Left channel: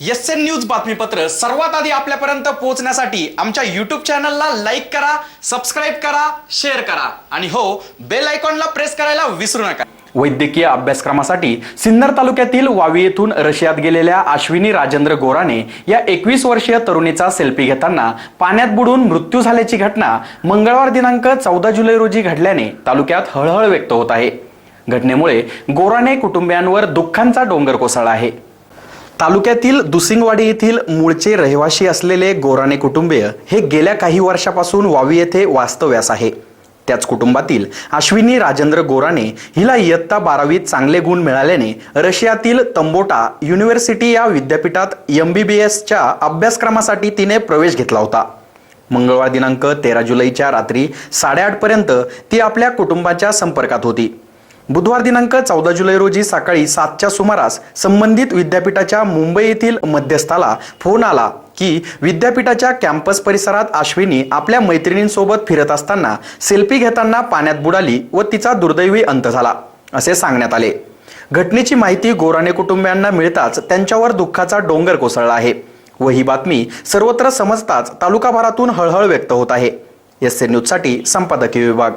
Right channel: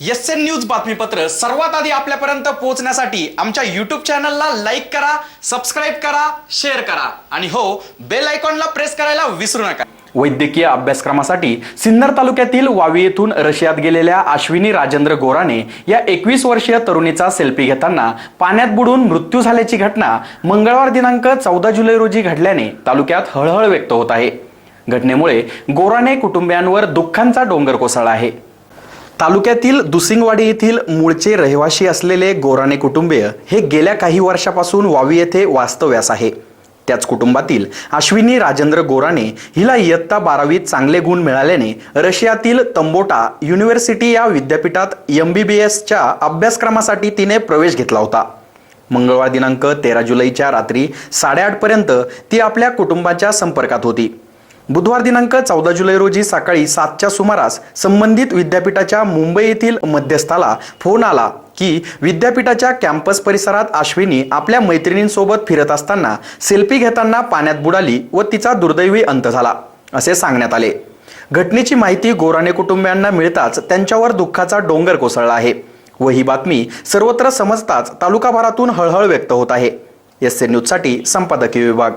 S N news बातमीपत्र सर्वात आधी आपल्यापर्यंत पोहोचण्यासाठी आमच्या युट्यूब चॅनलला लाईक करा सबस्क्राईब करा शेअर करा. आणि हो बेल आयकॉनला प्रेस करायला विसरू नका. वैद्यकीय अभ्यासक्रमासाठी सिन्नर तालुक्यातील वावी येथून रशियात गेलेल्या अश्विनी राजेंद्र गोराने या एकवीस वर्षीय तरुणीचा सेल्फी घेताना पाण्यात बुडून मृत्यू झाल्याची घटना मंगळवार दिनांक चौदा जुलै रोजी घडल्याने तालुक्यात हळहळ व्यक्त होत आहे. घटनेमुळे गोराने कुटुंबियांवर दुःखांचा डोंगर कोसळला आहे. तालुक्यातील दुसिंगवाडी येथील मूळचे रहिवाशी असलेले गोराणे कुटुंबीय हे गेल्या काही वर्षापासून वावी येथे वास्तव्यास आहे. त्याच कुटुंबातील अश्विनी राजेंद्र गोराणे हिला इयत्ता बारावीत चांगले गुण मिळाल्याने रशियातील तंबोटा युनिव्हर्सिटी या विद्यापीठात एम बी बी एसच्या अभ्यासक्रमासाठी तिने प्रवेश घेतला होता. मंगळवार दिनांक तेरा जुलैच्या रात्री साडेआठपर्यंत ती आपल्या कुटुंबाच्या संपर्कात होती. बुधवार दिनांक चौदा जुलै रोजी सकाळी सातच्या सुमारास संबंधित विद्यापीठाच्या मुंबई येथील मध्यस्थाला फोन आला की विद्यापीठाच्या कॅम्पस परिसरात अश्विनी आपल्या मैत्रिणींसोबत फिरत असताना सेल्फी घेताना पाण्यात बुडाली व तिचा दुर्दैवी अंत झाला असे सांगण्यात आले. घटनेची माहिती गोराणे कुटुंबियांना मिळताच त्यांच्यावर दुःखाचा डोंगर कोसळला आहे व ही बातमी सर्वत्र समजताच तालुकाभरातून हळहळ व्यक्त होत आहे. एस एन न्यूजसाठी संपादकीय विभाग.